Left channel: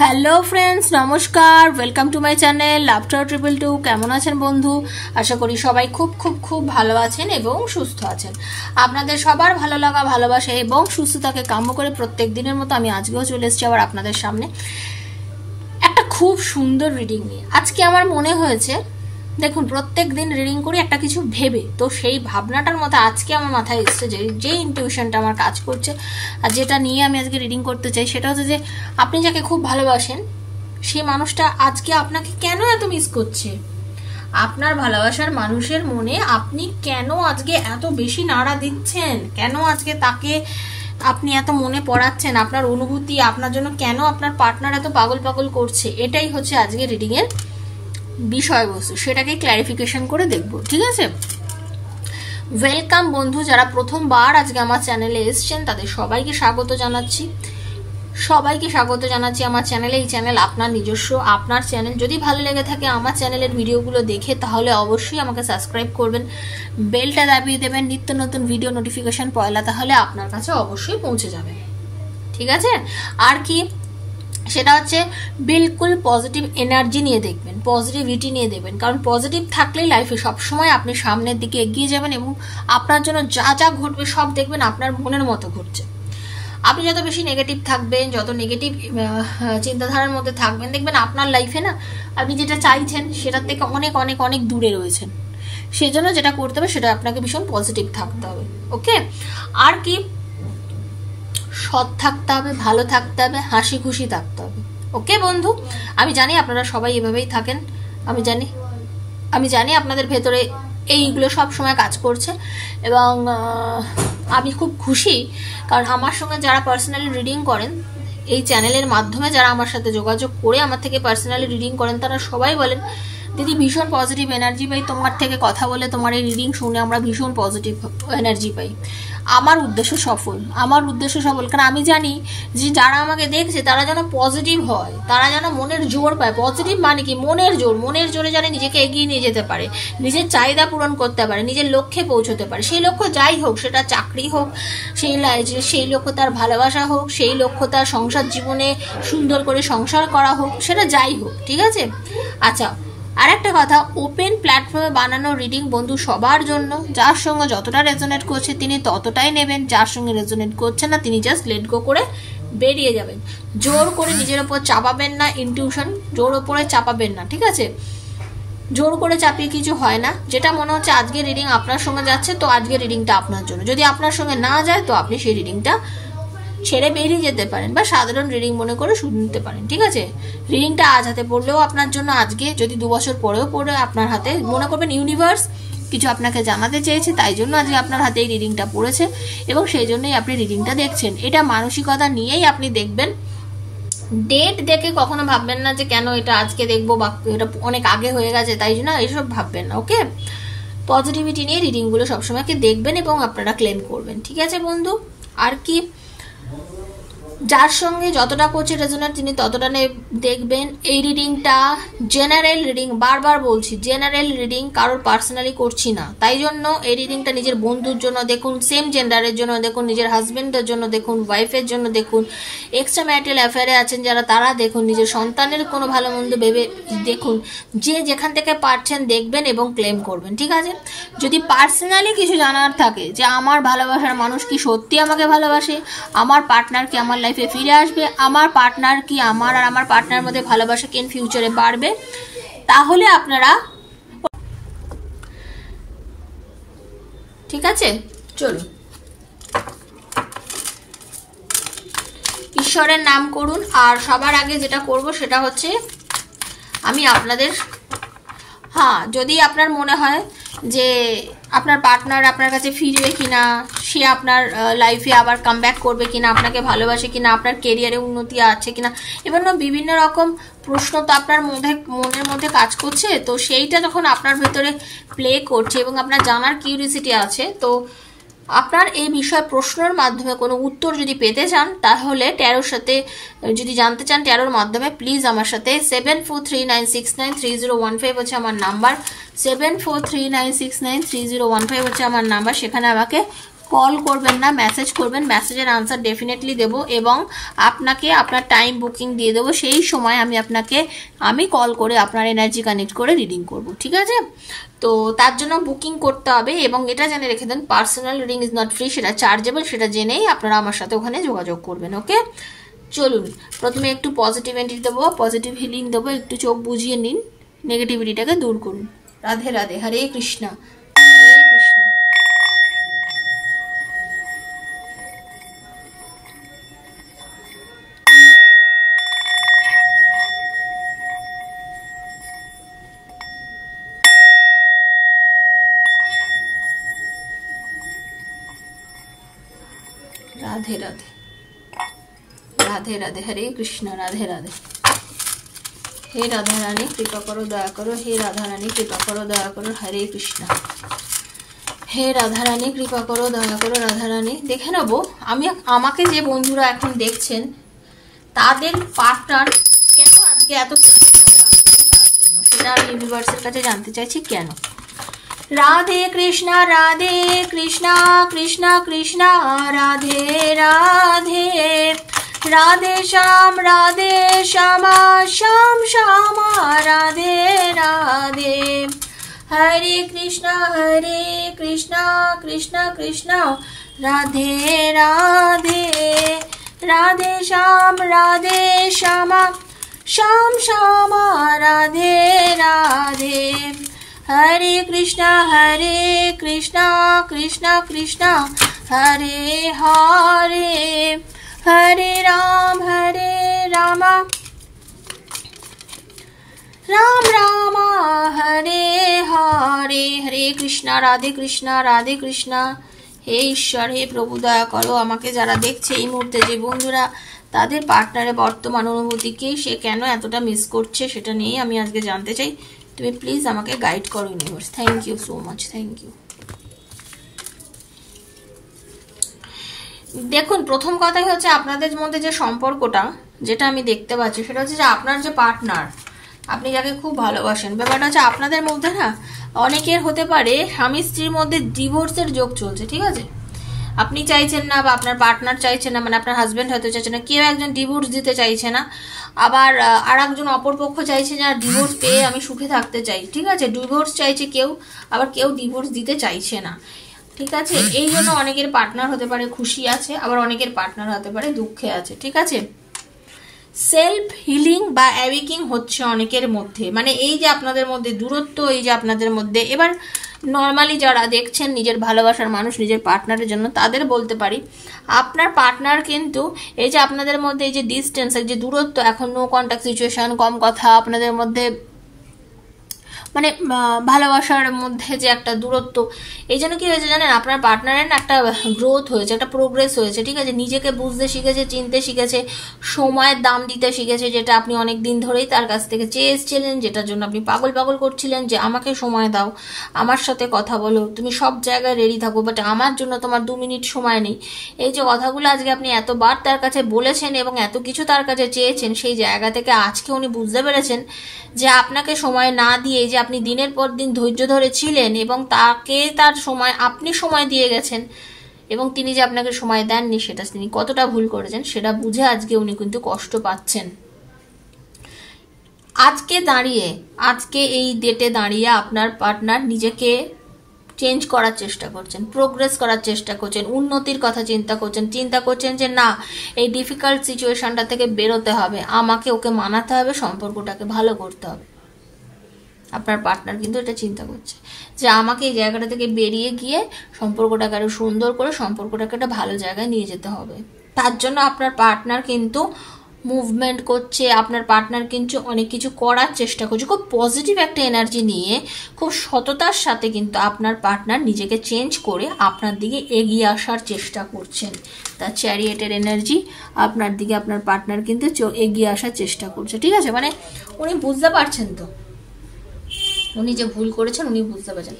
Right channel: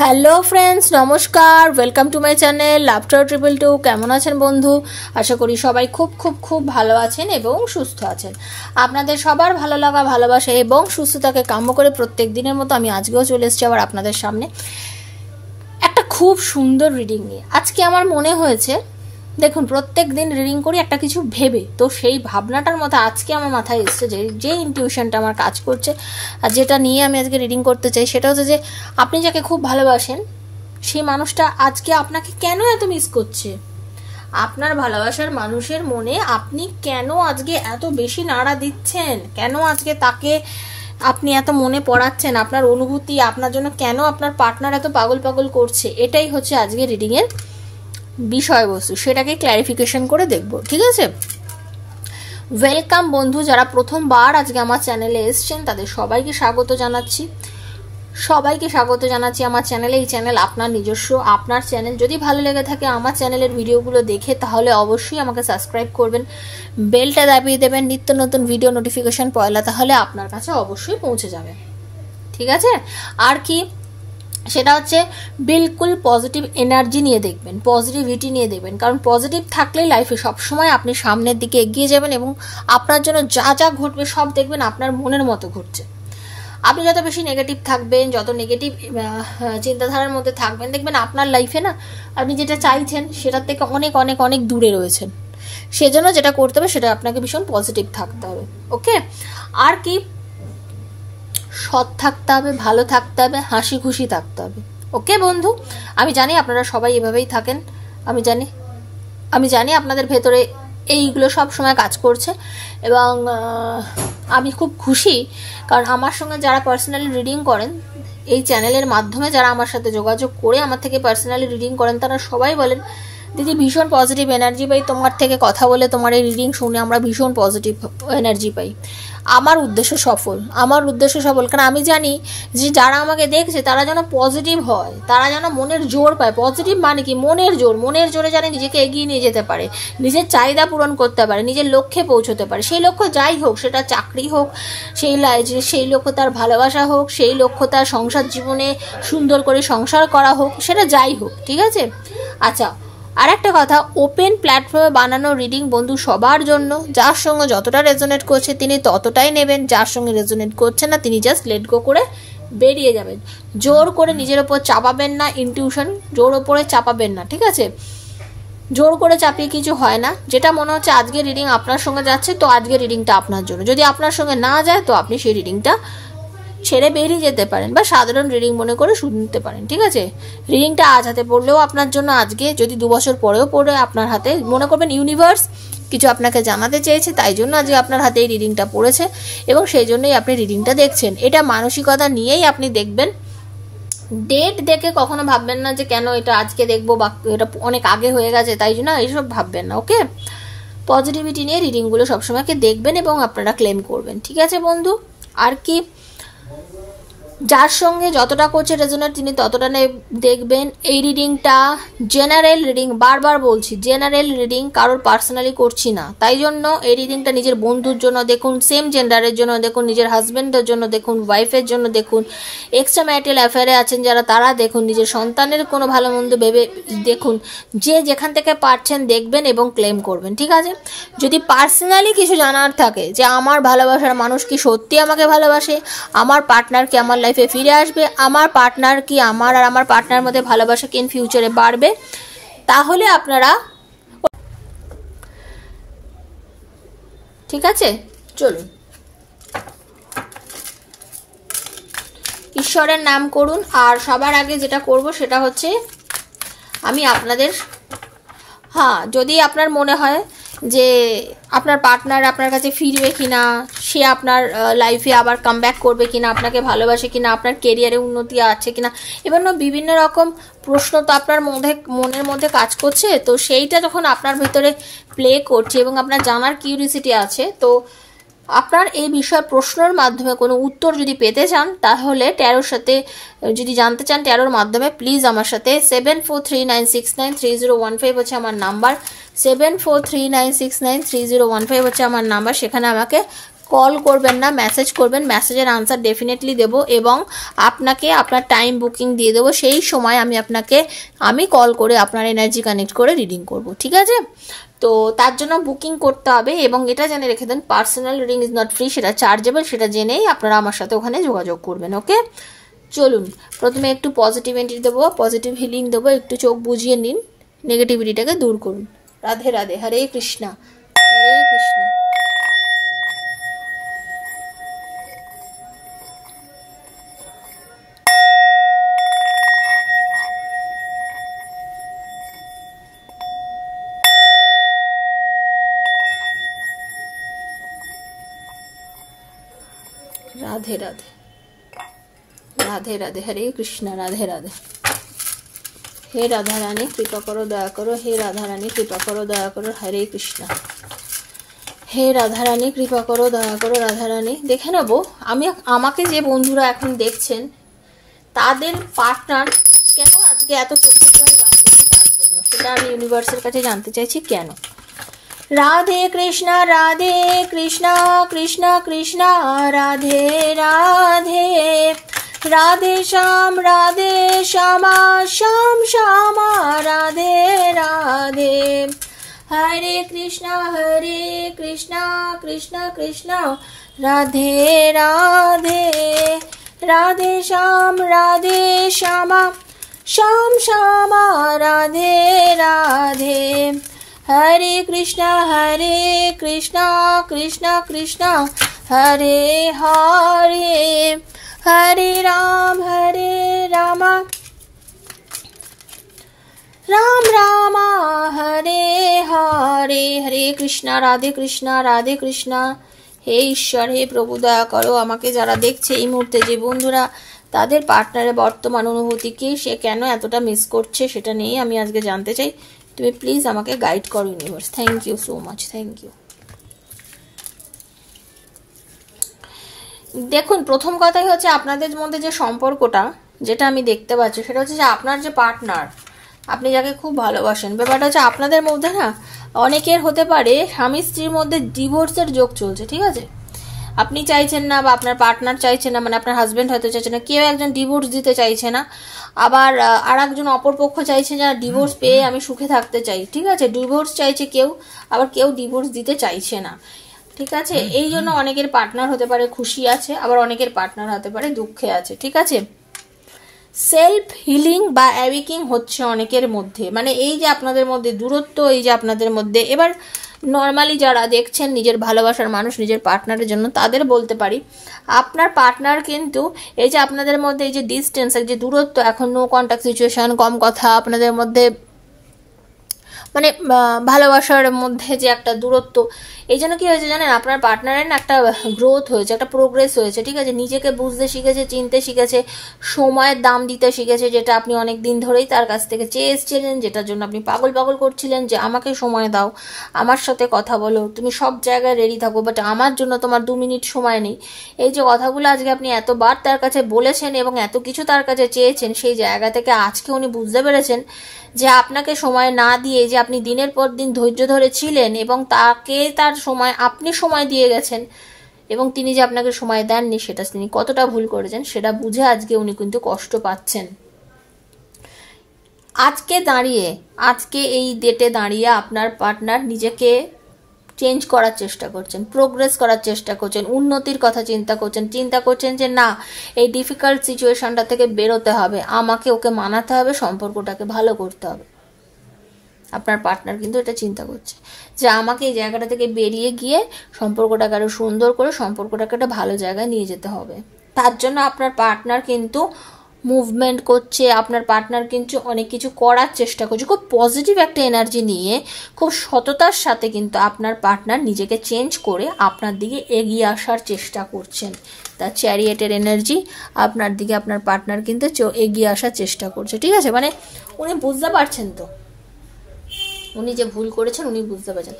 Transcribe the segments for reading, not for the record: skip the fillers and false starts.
Hello friends, নমস্কার। Welcome to my channel laughter 222। কেমন আছেন বন্ধু? আশা করি সবাই খুব খুব খুব ভালো আছেন এবং সুস্থ আছেন। আপনাদের সবার ভালো লাগা, ভালোবাসা এবং সুস্থতাকে কাম্য করে প্রত্যেক দিনের মতো আমি আজকেও চলে এসেছি আবার আপনাদের সামনে একটা খুব সুন্দর রিডিং নিয়ে। আজকে আমার মনে হয়েছে, দেখুন প্রত্যেক দিন রিডিং করি একটা কিছু ভেবে, তো সেই ভাবনাটার মতো আজকে আমার মাথায় এসছে যে ইনটিউশনটা আমার কাজ করছে আর যেটা নিয়ে আমি আজকে রিডিং করতে চাই সেটা হচ্ছে যে আপনি যাকে খুব ভালোবাসেন সেই মানুষটা আজকে আপনাকে কেন এত মিস করছে। আপনার ভালোবাসার মানুষের মনে আপনি কেন আজকে এত বেশি নাড়া দিচ্ছেন, কেন আজকে তাকে আপনি এত মনে পড়াচ্ছেন, আপনার অনুভূতি আপনার জন্য কেন আপনার পার্টনার এত পাগল পাগল করছে, এটাই হচ্ছে আজকে রিডিং এর বিষয়বস্তু। সেটাকে ক্ল্যারিফিকেশন করে দেখব, ঠিক আছে? ওয়েলকাম বন্ধু, যারা প্রথমবার আজকে আমার চ্যানেলে এসেছেন তাদের সবাইকে স্বাগত জানাচ্ছি আমার চ্যানেলে। এই চ্যানেল আপনার নিজস্ব, আপনার চ্যানেল। যদি ভালো লেগে থাকে আমার চ্যানেলের ভিডিওগুলো দেখে তাহলে অবশ্যই আমাকে সাবস্ক্রাইব করবেন, বেলটা দাবিয়ে দেবেন, নিত্য নতুন ভিডিও নোটিফিকেশন পয়লা তাহলে আপনার কাছে অবশ্যই পৌঁছে যাবে, ঠিক আছে? আর কি, সেটা হচ্ছে বিলকুল পজিটিভ এনার্জি নিয়ে দেখবেন, পজিটিভিটি নিয়ে দেখবেন, কারণ পজিটিভ থাকলেই লাইফে সবসময় আপনি সামনের দিকে এগিয়ে যাবেন এবং আপনার জন্য যা যা ঘটবে সব দেখবেন আপনার মনের মতো ঘটছে। আপনি যত বেশি নেগেটিভ থাকবেন, যত নেগেটিভ চিন্তাধারার মধ্যে থাকবেন, দেখবেন আপনার লাইফে না আপনি যেটা চাইছেন সেটার থেকে অনেক অনেক অনেক দূরে রয়েছেন। সেজন্য যেটা করতে হবে সেটা আপনাকে ভীষণ পজিটিভ থাকতে হবে, ওকে? আর কি, সৎ থাকতে হবে, ভালো থাকতে হবে, হাসি খুশি থাকতে হবে, ওকে বন্ধু? আমি জানি আপনারা সবাই এভাবেই থাকেন, আমি জানি আপনাদের ভেতরে এইগুলো সব সময় কাজ করছে এবং আমি খুব খুশি, কারণ আমার সঙ্গে যারা পার্সোনালি রিডিং করেন, এই চ্যানেলের মাধ্যমে যারা আমার সাথে যোগাযোগ করে আমার থেকে পার্সোনালি রিডিং করেন, তারা সবাই বলেন দিদি ভীষণ পজিটিভ এনার্জি পাই তোমার থেকে কথা বলে, তোমার এই রিডিং শুনে আমরা ভীষণ পজিটিভ এনার্জি পাই। আমার উদ্দেশ্য সফল, কারণ আমি জানি যে যারা আমাকে দেখছে তারা যেন পজিটিভ হয়, তারা যেন মনের জোর পায়। পজিটিভ মানে কি? মনের জোরে যেন নিজেকে এগিয়ে নিয়ে যেতে পারে, নিজের চাহিদা পূরণ করতে পারে, নিজের লক্ষ্যে পৌঁছতে পারে। সেই লক্ষ্য যাই হোক, সেটা চাকরি হোক, সেই লক্ষ্য তার ভালোবাসা হোক, সেই লক্ষ্য তার সংসার জীবনে সুন্দর করে সংসার করা হোক, সেটা যাই হোক, ঠিক আছে? আচ্ছা, আর একটা কথা, ওপেন প্ল্যাটফর্মে বানানো রিডিং বন্ধু সবার জন্য। যার সঙ্গে যতটা রেজোনেট করছে তিনি ততটাই নেবেন, যার সঙ্গে রেজোনেট করছে না তিনি জাস্ট লেট গো করে বেরিয়ে যাবেন। জোর করে নিজের ওপর চাপাবেন না, ইনটিউশন জোর ওপরে চাপাবেন না, ঠিক আছে? জোর করে চাপিয়ে কিছু হয় না। যেটা মনে হচ্ছে আজকে রিডিং আপনার সঙ্গে যাচ্ছে, তো আজকে রিডিংটা আপনার জন্য। যদি আপনার সঙ্গে না যায় তো আপনি সেই রিডিংটা ছেড়ে বেরিয়ে যেতে পারেন বা সাধারণ রিডিং মনে করে শুনতে পারেন, ঠিক আছে? রিডিংটা আজ হাতে পড়লেও আপনার জন্য আজকে, যদি 2 বছর পরেও পড়ে আপনার হাতে, মনে করবেন ইউনিভার্স কিছু আপনাকে জানাতে চেয়েছে, তাই জন্য আজকে আপনার হাতে এই রিডিংটা পড়েছে এবং সেই জন্যই আপনি রিডিংটা দেখছেন। এটা মানসিকতা নিয়েই আপনি দেখবেন। ডেট দেখে কখনো ভাববেন না যে কেন এটা আজকে দেখবো বা এটা অনেক আগে হয়ে গেছে তাই জন্য, এইসব ভাববেন না, ওকে? পজিটিভিটি নিয়ে রিডিংগুলো সবসময় দেখবেন এবং আপনারা ক্লেম করবেন, ঠিক আছে বন্ধু? আর কি, যার সঙ্গে যতটা করছে রেজোনেট তিনি ততটা দেখবেন। এই রিডিংটা জেনারেল রিডিং, বারবার বলছি জেনারেল রিডিং, কারোর পার্সোনালি করছি না। তাই জন্য এই রিডিংটা নিজের বন্ধুর জন্য দেখুন, সেম জেন্ডারের জন্য দেখুন, নিজের হাজবেন্ডের জন্য দেখুন, ওয়াইফের জন্য দেখুন, এক্সট্রা ম্যারিটাল অ্যাফেয়ারে আছেন যারা তারা দেখুন, নিজের সন্তানের কোনো ভালো মন্দ ভেবে দেখুন। যে যেখান থেকে পারছেন দেখবেন এবং ক্লেম করবেন, ঠিক আছে? যদি পার্সোনালি কিছু জানার থাকে যে আমার ভালোবাসার মানুষ কি সত্যি আমাকে ভালোবাসে, আমার পার্টনার কি আমার লাইফে ফিরে আসবে, আমার পার্টনার কি আমার আর আমার পার্টনার মধ্যে ভালোবাসা কি ইন ফিউচারে বাড়বে, তাহলে আপনারা, ঠিক আছে? চলুন ঈশ্বরের নাম করুন। আর সবার আগে যেটা করব সেটা হচ্ছে আমি আপনাদের, হ্যাঁ, যদি আপনার মনে হয় যে আপনার পার্টনার আপনার কাছে ফিরবে কিনা, সে আপনার লাইফে আবার কামব্যাক করবে কিনা, আপনাকে ভালোবাসে কিনা, আপনার কেরিয়ারে উন্নতি আছে কিনা, এবার বিভিন্ন রকম প্রশ্ন তো আপনার মনের মধ্যে কাজ করছে। তো সেইটা যখন আপনার ভেতরে প্লে করছে এবং আপনার জানার কিউরিয়াসিটি আছে, তো আপনার এই বিষয় প্রশ্নের মাধ্যমে কোনো উত্তর যদি পেতে চান তাহলে ট্যারোর সাথে যদি জানতে চান ট্যারোর মাধ্যমে, প্লিজ আমার সাথে 7439693015 হচ্ছে আমার নাম্বার, 7439693015 হচ্ছে আমার নাম্বার। সেখানে আমাকে কল করবেন না, মেসেজ করবেন, মেসেজের আনসার ডেফিনেটলি দেবো এবং আপনাকে আপনার টাইম বুকিং দিয়ে দেবো। সেই সময় আমি কল করে আপনার এনার্জি কানেক্ট করে রিডিং করব, ঠিক আছে? তো তার জন্য বুকিং করতে হবে এবং এটা জেনে রেখে দেন personal reading is not free, সেটা চার্জেবল, সেটা জেনেই আপনারা আমার সাথে ওখানে যোগাযোগ করবেন। ওকে, চলুন প্রথমে একটু পজিটিভিটি দেবো, পজিটিভ হিলিং দেবো, একটু চোখ বুঝিয়ে নিন, নেগেটিভিটিটাকে দূর করুন। রাধে রাধে, হরে কৃষ্ণা, হরে কৃষ্ণ। राधे राधे, राधे राधे, हरे कृष्णा, राधे राधे। हे राधा रानी कृपा करो, दया करो, हे राधा रानी कृपा करो, दया करो, हरे कृष्णा। হে রাধা রানী কৃপা করো, দয়া করো, রাধা রানী। দেখে নেবো আমাকে যে বন্ধুরা এখন দেখছেন তাদের পার্টনার কেন আজকে এত তার জন্য সেটা আমি ইউনিভার্সের কাছে জানতে চাইছি কেন। রাধে কৃষ্ণ, রাধে কৃষ্ণ, কৃষ্ণ কৃষ্ণ রাধে রাধে, রাধে শ্যাম, রাধে শ্যামা, শ্যাম শ্যামা, রাধে রাধে। হরে কৃষ্ণ, কৃষ্ণ কৃষ্ণ রাধে রাধে, রাধে শ্যাম, রাধে শ্যামা, শ্যাম শ্যামা, রাধে রাধে। হরে কৃষ্ণ, কৃষ্ণ কৃষ্ণ হরে হরে, হরে রাম, রাম রাম হরে হরে। হরে কৃষ্ণ, রাধে কৃষ্ণ, রাধে কৃষ্ণ। হে ঈশ্বর, হে প্রভু, দয়া করো আমাকে যারা দেখছে এই মুহূর্তে যে বন্ধুরা তাদের পার্টনারের বর্তমান অনুভূতিকে সে কেন এতটা মিস করছে সেটা নিয়ে আমি আজকে জানতে চাই। তুমি প্লিজ আমাকে গাইড করো universe. Thank you so much, thank you. দেখুন, প্রথম কথাই হচ্ছে আপনাদের মধ্যে যে সম্পর্কটা যেটা আমি দেখতে পাচ্ছি সেটা হচ্ছে যে আপনার যে পার্টনার, আপনি যাকে খুব ভালোবাসেন, ব্যাপারটা হচ্ছে আপনাদের মধ্যে না অনেকের হতে পারে স্বামী স্ত্রীর মধ্যে ডিভোর্সের যোগ চলছে, ঠিক আছে? আপনি চাইছেন না বা আপনার পার্টনার চাইছে না, মানে আপনার হাজবেন্ড হয়তো চাইছে না, কেউ একজন ডিভোর্স দিতে চাইছে না, আবার আর একজন অপরপক্ষ চাইছে না ডিভোর্স পেয়ে আমি সুখে থাকতে চাই, ঠিক আছে? ডিভোর্স চাইছে কেউ, আবার কেউ ডিভোর্স দিতে চাইছে না, ঠিক আছে? এই জন্য অনেকের পার্টনার হতে পারে খুশি আছে, আবার অনেকের পার্টনার হতে পারে দুঃখে আছে, ঠিক আছে? সেলফ হিলিং বা অ্যাওয়েকিং হচ্ছে অনেকের মধ্যে, মানে এই যে আপনাদের মধ্যে দূরত্ব, এই যে আপনাদের মধ্যে, এবার নর্মালি যারা দেখছেন নিজের ভালোবাসার মানুষ নিজের পার্টনারের জন্য তাদের বলতে পারি আপনার পার্টনার কিন্তু এই যে আপনাদের মধ্যে এই যে ডিস্টেন্স, এই যে দূরত্ব, এখন নো কন্ট্যাক্ট সিচুয়েশন, কম কথা, আপনাদের মধ্যে মানে ভালোবাসার মধ্যে যে একটা দূরত্ব, এই জন্য কি হয়েছে জানেন, আপনার পার্টনারের না একটা গ্রোথ হয়েছে, একটা প্রোগ্রেস হয়েছে, ঠিক আছে? নিজেকে বুঝতে শিখেছে, চিনতে শিখেছে, সময়ের দাম দিতে শিখেছে, যেটা আপনি অনেক দিন ধরেই তার কাছ থেকে চেয়ে এসেছিলেন, যেটার জন্য আপনি পাগল পাগল করছিলেন যে আমাকে সময় দাও, আমার সাথে কথা বলো, তুমি সব জায়গায় রেডি থাকো, বাট আমার জন্য তোমার 2 মিনিট সময় নেই। এই যে কথাগুলো আজকে আপনি এতবার তার কাছে বলেছেন এবং এত কিছু তার কাছে চেয়েছেন, সেই জায়গা থেকে আজকে উনি বুঝতে পেরেছেন যে আপনাকে সময় না দিয়ে যে আপনি দিনের পর দিন ধৈর্য ধরে ছিলেন এবং তাকে তার সময় আপনি সময় দিয়ে গেছেন এবং তিনি যে আপনাকে সময় দেননি সেটা তিনি কতটা ভুল করেছেন সেটা বুঝে আজকে উনি কিন্তু কষ্ট পাচ্ছেন। আজকে এই ডেটে দাঁড়িয়ে আপনার পার্টনার নিজেকে চেঞ্জ করার চেষ্টা করছেন, প্রোগ্রেস করার চেষ্টা করছেন, উন্নতির কথা চিন্তা করছেন যে না, এই ডিফিকাল্ট সিচুয়েশনটা থেকে বেরোতে হবে, আমাকে ওকে মানাতে হবে, সম্পর্কটাকে ভালো করতে হবে। আপনার পার্টনার কিন্তু এটা চিন্তা করছে যে আমাকে এই জায়গাটা থেকে বেরিয়ে গিয়ে সম্পর্কটাকে আরো সুন্দর করে সম্পর্কটাকে একটা ভালো জায়গায় নিয়ে যেতে হবে। তার জন্য আপনার পার্টনার কিন্তু মুভমেন্ট করছে, আপনার পার্টনার কিন্তু অনেক কিছু করার চেষ্টা করছে, খুব পজিটিভ একটা এনার্জি নিয়ে, খুব সততার সাথে কিন্তু আপনার পার্টনার নিজেকে চেঞ্জ করে আপনার দিকে এগিয়ে আসার চেষ্টা করছেন। তার চ্যারিয়েটের এনার্জি আপনার দিকে আপনার পার্টনার কিন্তু এগিয়ে আসার চেষ্টা করছে, ঠিক আছে? মানে উনি বুঝতে পারছেন, তো উনি যে ভুল করেছেন উনি বুঝতে পারছেন।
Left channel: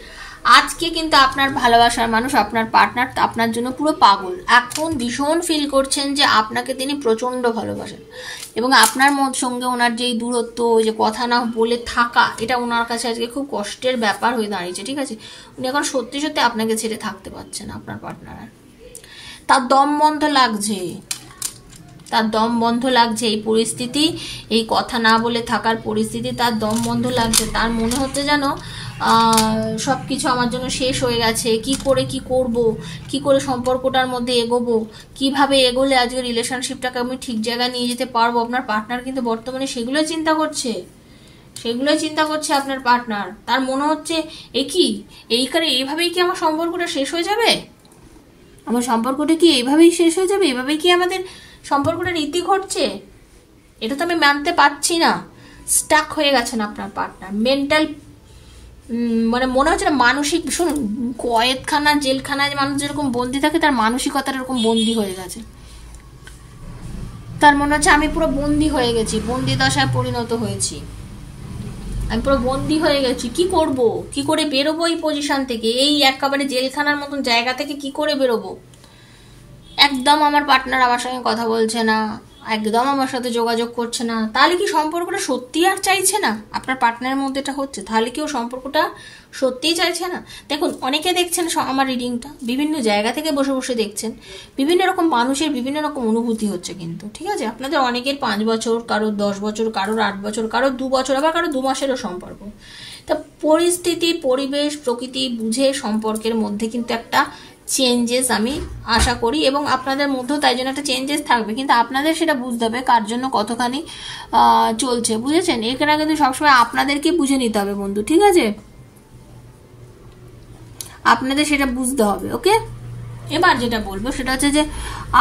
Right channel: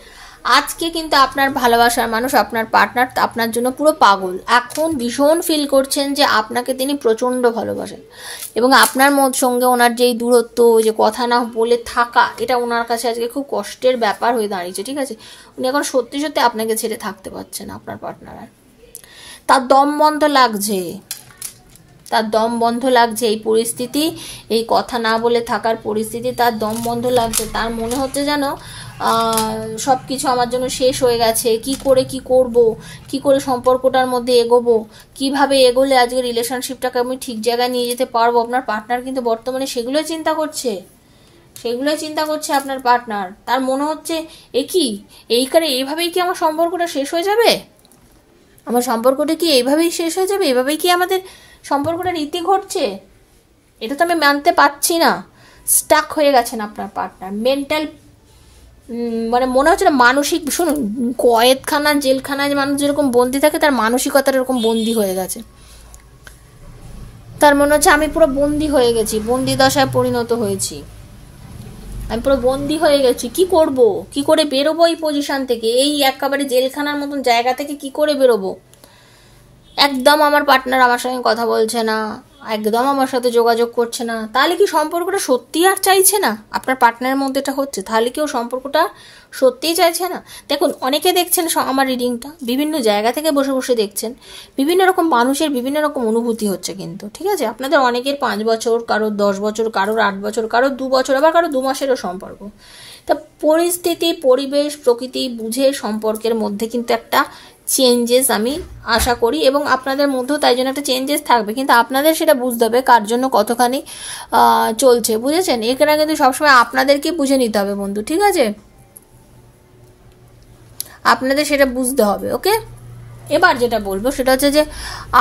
আজকে কিন্তু আপনার ভালোবাসার মানুষ, আপনার পার্টনার আপনার জন্য পুরো পাগল, এখন ভীষণ ফিল করছেন যে আপনাকে তিনি প্রচন্ড ভালোবাসেন এবং আপনার সঙ্গে ওনার যেই দূরত্ব, ওই যে কথা না বলে থাকা, এটা ওনার কাছে আজকে খুব কষ্টের ব্যাপার হয়ে দাঁড়িয়েছে, ঠিক আছে? উনি এখন সত্যি সত্যি আপনাকে ছেড়ে থাকতে পারছেন না, আপনার পার্টনার। তার দম বন্ধ লাগছে, তার দম বন্ধ লাগছে, এই পরিস্থিতি, এই কথা না বলে থাকার পরিস্থিতি, তার দম বন্ধ লাগছে। তার মনে হচ্ছে যেন সব কিছু আমার জন্য শেষ হয়ে গেছে। কি করে কি করব, কি করে সম্পর্কটার মধ্যে এগোবো, কিভাবে এগোলে আজকে রিলেশনশিপটাকে আমি ঠিক জায়গায় নিয়ে যেতে পারবো। আপনার পার্টনার কিন্তু বর্তমানে সেগুলোই চিন্তা করছে, সেগুলোই চিন্তা করছে আপনার পার্টনার। তার মনে হচ্ছে এইভাবেই কি আমার সম্পর্কটা শেষ হয়ে যাবে, আমার সম্পর্কটা কি এইভাবেই শেষ হয়ে যাবে, এভাবেই কি আমাদের সম্পর্কটার ইতি ঘটছে? এটা তো আমি মানতে পারছি না। স্টাক হয়ে গেছেন আপনার পার্টনার, মেন্টাল, মানে মনে হচ্ছে না মানসিক, শুনুন, কয়েদখানা জেলখানায় মানুষ যেরকম বন্দি থাকে, তার মানসিকতার এরকম বন্দি হয়ে গেছে। তার মনে হচ্ছে আমি পুরো বন্দি হয়ে গেছি, বন্দি দশায় পরিণত হয়েছি, আমি পুরো বন্দি হয়ে গেছি। কি করব, কি করে বেরোবো এই পজিশন থেকে, এই একেবারে জেলখানার মতন জায়গা থেকে কি করে বেরোবো? একদম আমার পার্টনার আমার সঙ্গে কথা বলছে না, একদম আমার সাথে যোগাযোগ করছে না। তাহলে কি সম্পর্কটা সত্যি আর চাইছে না? আপনার পার্টনারের মধ্যে এটা হচ্ছে, তাহলে কি ও সম্পর্কটা সত্যিই চাইছে না? দেখুন, অনেকে দেখছেন আমার রিডিংটা, বিভিন্ন জায়গা থেকে বসে বসে দেখছেন, বিভিন্ন রকম মানুষের বিভিন্ন রকম অনুভূতি হচ্ছে কিন্তু, ঠিক আছে? আপনাদের অনেকের 5 বছর, কারোর 10 বছর, কারোর 8 বছর, কারোর 2 বছর, আবার কারোর 2 মাসেরও সম্পর্ক। তা পরিস্থিতি, পরিবেশ, প্রকৃতি বুঝে সম্পর্কের মধ্যে কিন্তু একটা চেঞ্জেস আমি আশা করি, এবং আপনাদের মধ্যেও তাই জন্য একটা চেঞ্জেস থাকবে, কিন্তু আপনাদের সেটা বুঝতে হবে কার জন্য কতখানি চলছে, বুঝেছেন? এখানে কিন্তু সবসময় আপনাদেরকে বুঝে নিতে হবে বন্ধু, ঠিক আছে? আপনাদের সেটা বুঝতে হবে, ওকে? এবার যেটা বলবো সেটা হচ্ছে যে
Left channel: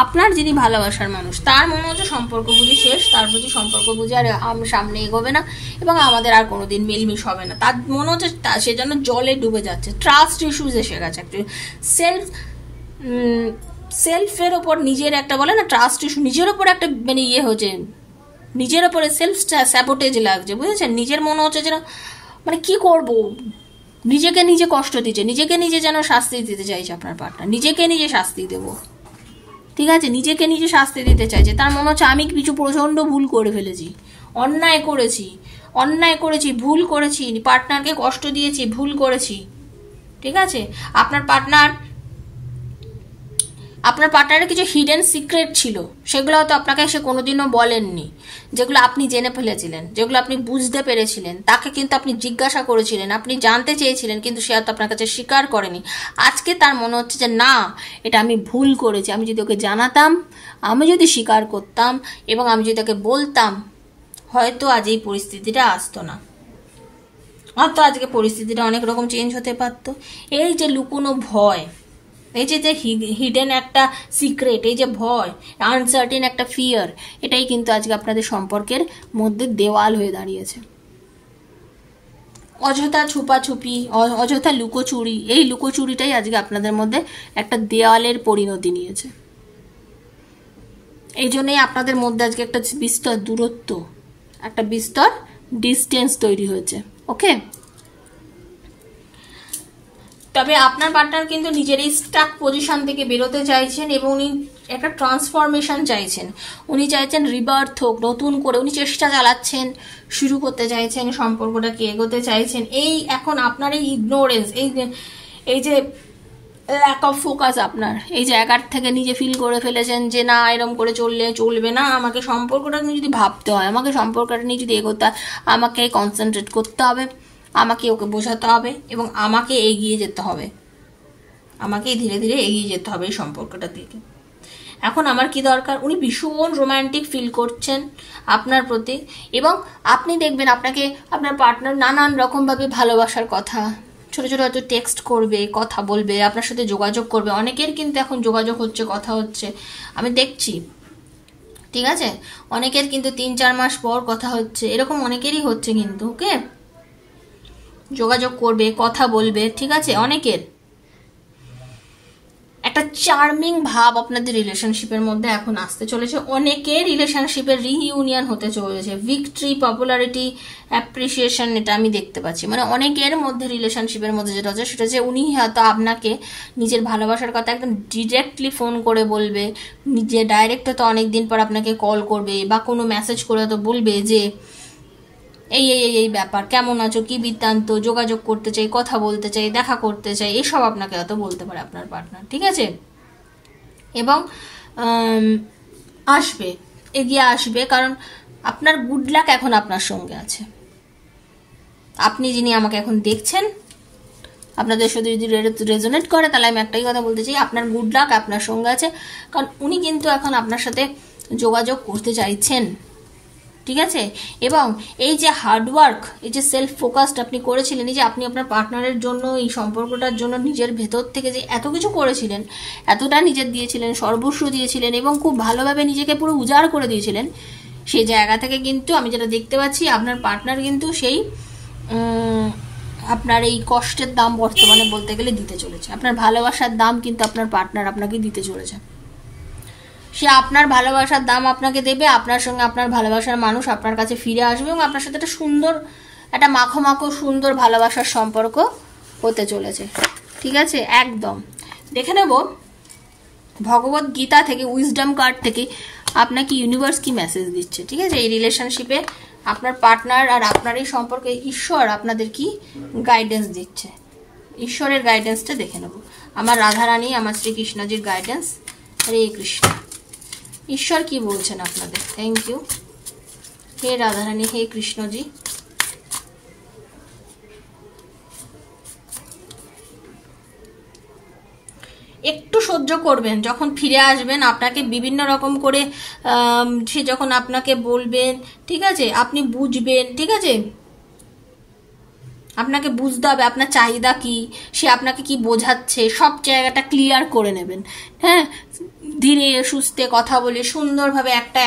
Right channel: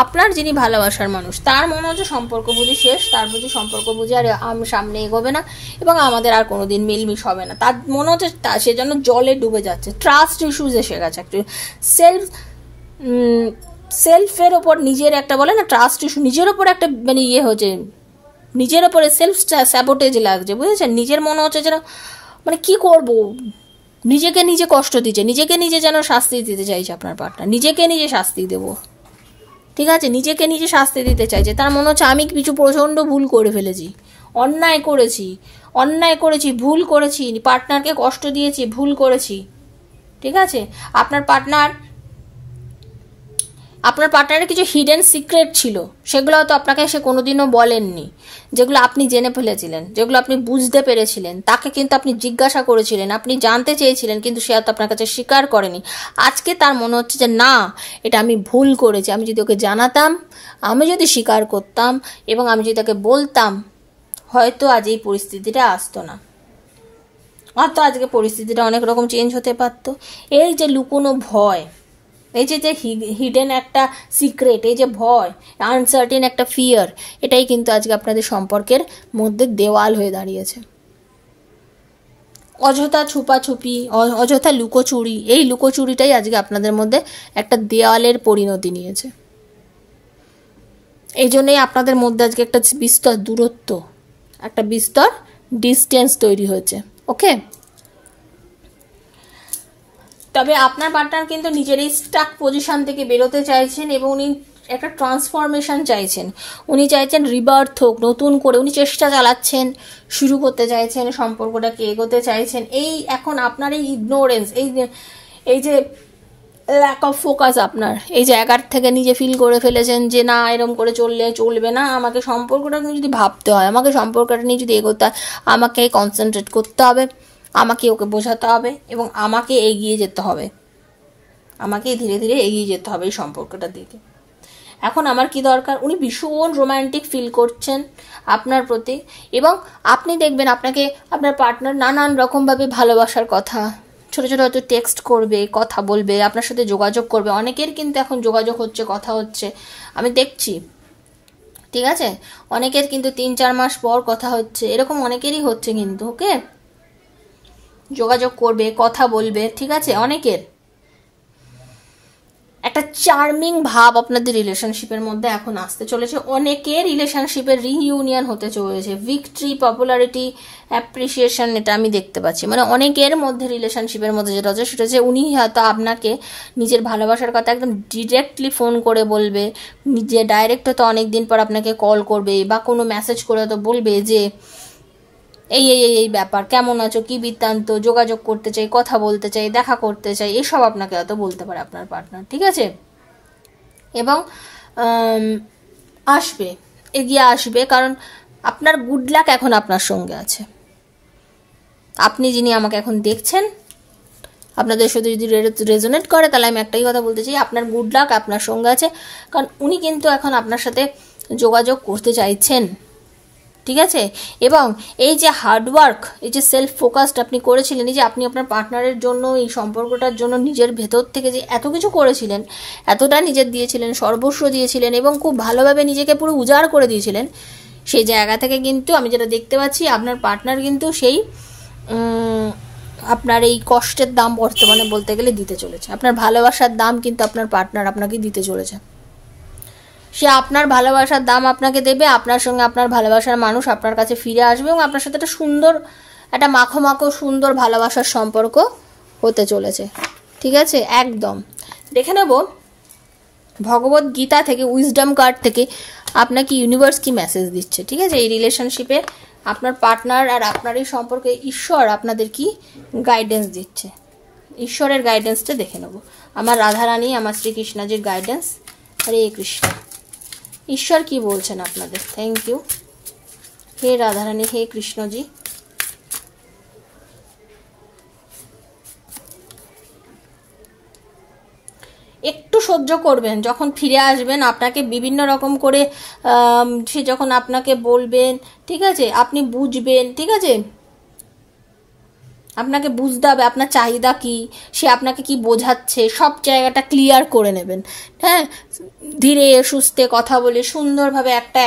আপনার যিনি ভালোবাসার মানুষ, তার মনে হচ্ছে সম্পর্ক বুঝি শেষ, তার প্রতি সম্পর্ক বুঝি আর সামনে এগোবে না, এবং আমাদের আর কোনোদিন মিলমিশ হবে না। তার মনে হচ্ছে সে যেন জলে ডুবে যাচ্ছে, ট্রাস্ট ইস্যুজ এসে গেছে, অ্যাকচুয়ালি সেলফের ওপর নিজের একটা, বলে না ট্রাস্ট ইস্যু, নিজের ওপর একটা মানে হচ্ছে, নিজের ওপরে সেলফ স্যাবোটেজ লাগছে, বুঝেছেন? নিজের মনে হচ্ছে যেন মানে কি করব, নিজেকে নিজে কষ্ট দিচ্ছে, নিজেকে নিজে যেন শাস্তি দিতে চাইছে আপনার পার্টনার, নিজেকে নিজে শাস্তি দেব, ঠিক আছে? নিজেকে নিজে শাস্তি দিতে চাইছে। তার মনে হচ্ছে আমি কিছু প্রচন্ড ভুল করে ফেলেছি, অন্যায় করেছি, ভুল করেছি, পার্টনারকে কষ্ট দিয়েছি, ভুল করেছি, ঠিক আছে? আপনার পার্টনারের কিছু হিডেন সিক্রেট ছিল, সেগুলো হয়তো আপনাকে সে কোনোদিনও বলেননি, যেগুলো আপনি জেনে ফেলেছিলেন, যেগুলো আপনি বুঝতে পেরেছিলেন, তাকে কিন্তু আপনি জিজ্ঞাসা করেছিলেন, আপনি জানতে চেয়েছিলেন, কিন্তু সে হয়তো আপনার কাছে স্বীকার করেনি। আজকে তার মনে হচ্ছে যে না, এটা আমি ভুল করেছি, আমি যদি ওকে জানাতাম, আমি যদি স্বীকার করতাম, এবং আমি যদি তাকে বলতাম, হয়তো আজ এই পরিস্থিতিটা আসতো না, হয়তো আজকে পরিস্থিতিটা অনেক রকম চেঞ্জ হতে পারতো। এই যে লুকোনো ভয়, এই যে হিডেন একটা সিক্রেট, এই যে ভয়, আনসার্টেন একটা ফিয়ার, এটাই কিন্তু আজকে আপনাদের সম্পর্কের মধ্যে দেওয়াল হয়ে দাঁড়িয়েছে। অযথা ছুপাছুপি, অযথা লুকোচুরি, এই লুকোচুরিটাই আজকে আপনাদের মধ্যে একটা দেওয়ালের পরিণতি নিয়েছে। এই জন্যই আপনাদের মধ্যে আজকে একটা বিস্তর দূরত্ব, একটা বিস্তর ডিস্টেন্স তৈরি হয়েছে, ওকে? তবে আপনার পার্টনার কিন্তু নিজের এই স্টাক পজিশন থেকে বেরোতে চাইছেন, এবং উনি একটা ট্রান্সফরমেশন চাইছেন, উনি চাইছেন রিবার্থ হোক, নতুন করে উনি চেষ্টা চালাচ্ছেন, শুরু করতে চাইছেন, সম্পর্কটাকে এগোতে চাইছেন। এই এখন আপনার এই ইগনোরেন্স, এই যে ল্যাক অফ ফোকাস, আপনার এই জায়গার থেকে নিজে ফিল করে ফেলেছেন যে না, এরকম করে চললে চলবে না, আমাকে সম্পর্কটা নিয়ে যদি ভাবতে হয়, আমাকে সম্পর্কটা নিয়ে যদি এগোতে হয়, আমাকে কনসেন্ট্রেট করতে হবে, আমাকে ওকে বোঝাতে হবে, এবং আমাকে এগিয়ে যেতে হবে, আমাকে ধীরে ধীরে এগিয়ে যেতে হবে এই সম্পর্কটার দিকে। এখন আমার কি দরকার, উনি ভীষণ রোম্যান্টিক ফিল করছেন আপনার প্রতি, এবং আপনি দেখবেন আপনাকে আপনার পার্টনার নানান রকমভাবে ভালোবাসার কথা, ছোট ছোট হয়তো টেক্সট করবে, কথা বলবে, আপনার সাথে যোগাযোগ করবে। অনেকের কিন্তু এখন যোগাযোগ হচ্ছে, কথা হচ্ছে, আমি দেখছি, ঠিক আছে? অনেকের কিন্তু 3-4 মাস পর কথা হচ্ছে, এরকম অনেকেরই হচ্ছে কিন্তু, ওকে? যোগাযোগ করবে, কথা বলবে, ঠিক আছে? অনেকের একটা চার্মিং ভাব আপনাদের রিলেশনশিপের মধ্যে এখন আসতে চলেছে, অনেকের রিলেশনশিপের রিইউনিয়ন হতে চলেছে, ভিক্টরি, পপুলারিটি, অ্যাপ্রিসিয়েশন, এটা আমি দেখতে পাচ্ছি। মানে অনেকের মধ্যে রিলেশনশিপের মধ্যে যেটা হচ্ছে সেটা হচ্ছে উনি হয়তো আপনাকে নিজের ভালোবাসার কথা একদম ডিরেক্টলি ফোন করে বলবে, নিজে ডাইরেক্ট হয়তো অনেকদিন পর আপনাকে কল করবে, বা কোনো মেসেজ করে হয়তো বলবে যে এই এই এই ব্যাপার, কেমন আছো, কি বৃত্তান্ত, যোগাযোগ করতে চাই, কথা বলতে চাই, দেখা করতে চাই, এসব আপনাকে হয়তো বলতে পারে আপনার পার্টনার, ঠিক আছে? এবং আসবে, এগিয়ে আসবে, কারণ আপনার গুড লাক এখন আপনার সঙ্গে আছে। আপনি যিনি আমাকে এখন দেখছেন, আপনাদের সাথে যদি রেজোনেট করে তাহলে আমি একটাই কথা বলতে চাই, আপনার গুড লাক আপনার সঙ্গে আছে, কারণ উনি কিন্তু এখন আপনার সাথে যোগাযোগ করতে চাইছেন, ঠিক আছে। এবং এই যে হার্ডওয়ার্ক, এই যে সেলফ ফোকাসড আপনি করেছিলেন, এই যে আপনি আপনার পার্টনারের জন্য, এই সম্পর্কটার জন্য নিজের ভেতর থেকে যে এত কিছু করেছিলেন, এতটা নিজের দিয়েছিলেন, সর্বস্ব দিয়েছিলেন এবং খুব ভালোভাবে নিজেকে পুরো উজাড় করে দিয়েছিলেন, সেই জায়গা থেকে কিন্তু আমি যেটা দেখতে পাচ্ছি আপনার পার্টনার কিন্তু সেই আপনার এই কষ্টের দাম বর্তমানে বলতে গেলে দিতে চলেছে। আপনার ভালোবাসার দাম কিন্তু আপনার পার্টনার আপনাকে দিতে চলেছে। সে আপনার ভালোবাসার দাম আপনাকে দেবে, আপনার সঙ্গে আপনার ভালোবাসার মানুষ আপনার কাছে ফিরে আসবে এবং আপনার সাথে একটা সুন্দর, একটা মাখো মাখো সুন্দর ভালোবাসার সম্পর্ক হতে চলেছে, ঠিক আছে। একদম দেখে নেব ভগবত গীতা থেকে, উইজডম কার্ড থেকে আপনাকে ইউনিভার্স কি মেসেজ দিচ্ছে, ঠিক আছে। এই রিলেশনশিপে আপনার পার্টনার আর আপনার এই সম্পর্কে ঈশ্বর আপনাদের কি গাইডেন্স দিচ্ছে, ঈশ্বরের গাইডেন্সটা দেখে নেব। আমার রাধারানী, আমার শ্রীকৃষ্ণজির গাইডেন্স। হরে কৃষ্ণ। ঈশ্বর কি বলছেন আপনাদের? থ্যাংক ইউ হে রাধারানী, হে কৃষ্ণজি। একটু সহ্য করবেন, যখন ফিরে আসবেন আপনাকে বিভিন্ন রকম করে সে যখন আপনাকে বলবেন, ঠিক আছে, আপনি বুঝবেন, ঠিক আছে। আপনাকে বুঝতে হবে আপনার চাহিদা কি, সে আপনাকে কি বোঝাচ্ছে, সব জায়গাটা ক্লিয়ার করে নেবেন। হ্যাঁ, ধীরে সুস্থে কথা বলে সুন্দরভাবে একটা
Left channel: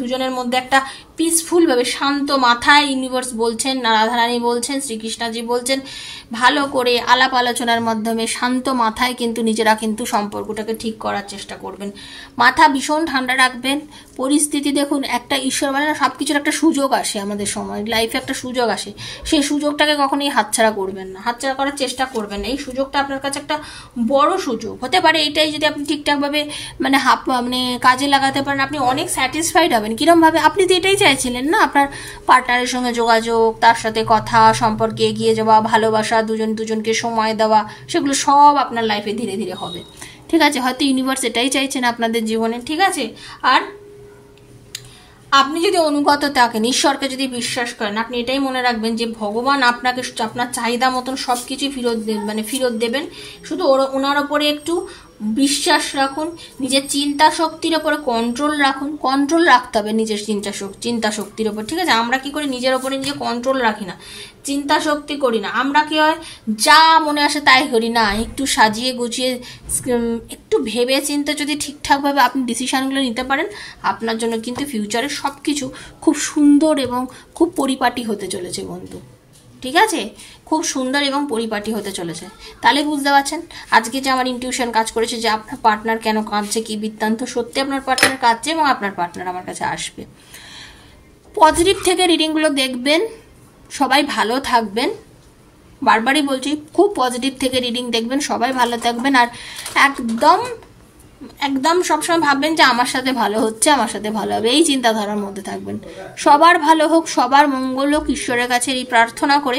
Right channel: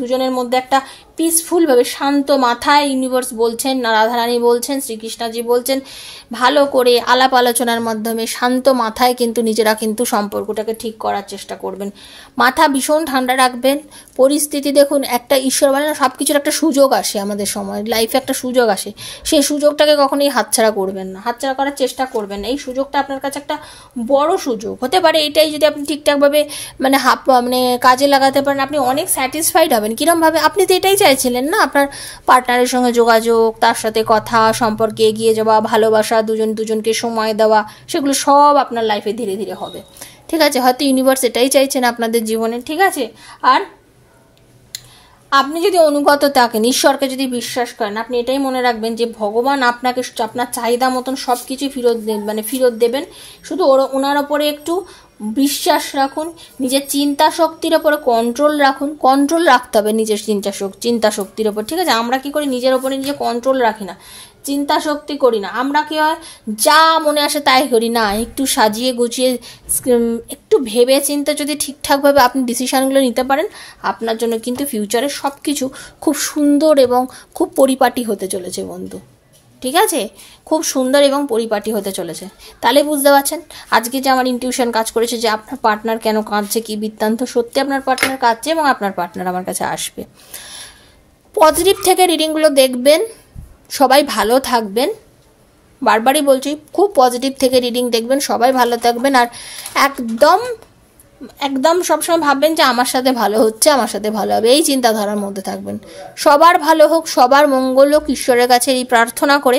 দুজনের মধ্যে একটা পিসফুল ভাবে শান্ত মাথায় ইউনিভার্স বলছেন, রাধারানী বলছেন, শ্রীকৃষ্ণজি বলছেন, ভালো করে আলাপ আলোচনার মাধ্যমে শান্ত মাথায় কিন্তু নিজেরা কিন্তু সম্পর্কটাকে ঠিক করার চেষ্টা করবেন। মাথা ভীষণ ঠান্ডা রাখবেন। পরিস্থিতি দেখুন, একটা ঈশ্বর মানে না, সবকিছুর একটা সুযোগ আসে আমাদের সময়, লাইফে একটা সুযোগ আসে, সেই সুযোগটাকে কখনোই হাতছাড়া করবেন না, হাতছাড়া করার চেষ্টা করবেন না। এই সুযোগটা আপনার কাছে একটা বড় সুযোগ হতে পারে, এটাই যদি আপনি ঠিকঠাকভাবে মানে কাজে লাগাতে পারেন, আপনি অনেক স্যাটিসফাইড হবেন। কিরম ভাবে? আপনি তো এটাই চাইছিলেন না, আপনার পার্টনারের সঙ্গে যোগাযোগ, তার সাথে কথা, সম্পর্কে এগিয়ে যাওয়া, ভালোবাসা, দুজনকে সময় দেওয়া, সেগুলো সব আপনার লাইফে ধীরে ধীরে হবে, ঠিক আছে। হয়তো ইউনিভার্স এটাই চাইছেন আপনাদের জীবনে, ঠিক আছে। আর আপনি যদি অনুগত থাকেন, ঈশ্বরকে যদি বিশ্বাস করেন, আপনি এটাই মনে রাখবেন যে ভগবান আপনাকে আপনার চাহিদা মতন সবকিছু ফেরত দেবেন। শুধু ওনার ওপরে একটু বিশ্বাস রাখুন, নিজের চিন্তা শক্তির ওপরে কন্ট্রোল রাখুন। কন্ট্রোল রাখতে হবে নিজের চিন্তা শক্তির ওপর, ঠিক আছে। আমরা কি করি, নিজের ওপরে নিজে কন্ট্রোল রাখি না, চিন্তা শক্তি করি না। আমরা কি হয়, যা মনে আসে তাই করি না, একটু সাজিয়ে গুছিয়ে একটু ভেবে চিন্তে যদি ঠিকঠাকভাবে আপনি ডিসিশনগুলো নিতে পারেন, আপনার জন্য কিন্তু ফিউচারে সব কিছু খুব সুন্দর এবং খুব পরিপাটি হতে চলেছে বন্ধু, ঠিক আছে। খুব সুন্দর এবং পরিপাটি হতে চলেছে। তাহলে বুঝতে পারছেন আজকে যে আমার ইনটিউশন কাজ করেছে যে আপনার পার্টনার কেন কাঁদছে, কি বৃত্তান্ত। সত্যি আপনার পার্টনার কাঁদছে এবং আপনার পার্টনার আমার কাছে আসবে। পজিটিভ থেকে রিডিংগুলো দেখবেন, সবাই ভালো থাকবেন। বারবারই বলছি, খুব পজিটিভ থেকে রিডিং দেখবেন, সবাই ভালো থাকবেন। আর একদম একদম সবসময় ভাববেন যে আমার সাথে ভালো হচ্ছে, আমার সাথে ভালো হবে, এই চিন্তাধারার মধ্যে থাকবেন। সবার ভালো হোক, সবার মঙ্গল হোক, ঈশ্বরের কাছে এই প্রার্থনা করে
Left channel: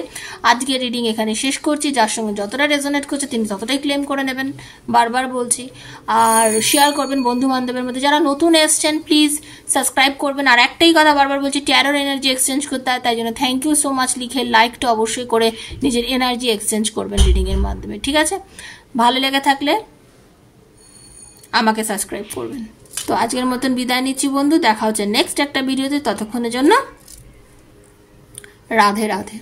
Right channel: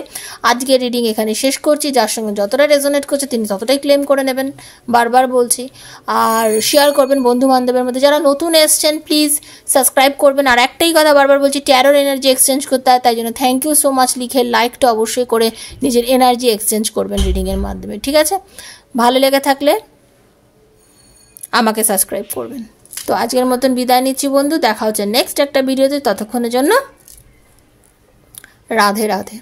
আজকে রিডিং এখানে শেষ করছি। যার সঙ্গে যতটা রেজোনেট করছে তিনি ততটাই ক্লেম করে নেবেন, বারবার বলছি। আর শেয়ার করবেন বন্ধু বান্ধবের মধ্যে। যারা নতুন এসছেন প্লিজ সাবস্ক্রাইব করবেন। আর একটাই কথা বারবার বলছি, ট্যারোর এনার্জি এক্সচেঞ্জ করতে হয়, তাই জন্য থ্যাংক ইউ সো মাচ লিখে লাইকটা অবশ্যই করে নিজের এনার্জি এক্সচেঞ্জ করবেন রিডিংয়ের মাধ্যমে, ঠিক আছে। ভালো লেগে থাকলে আমাকে সাবস্ক্রাইব করবেন। তো আজকের মতন বিদায় নিচ্ছি বন্ধু, দেখা হচ্ছে নেক্সট একটা ভিডিওতে। ততক্ষণের জন্য রাধে রাধে।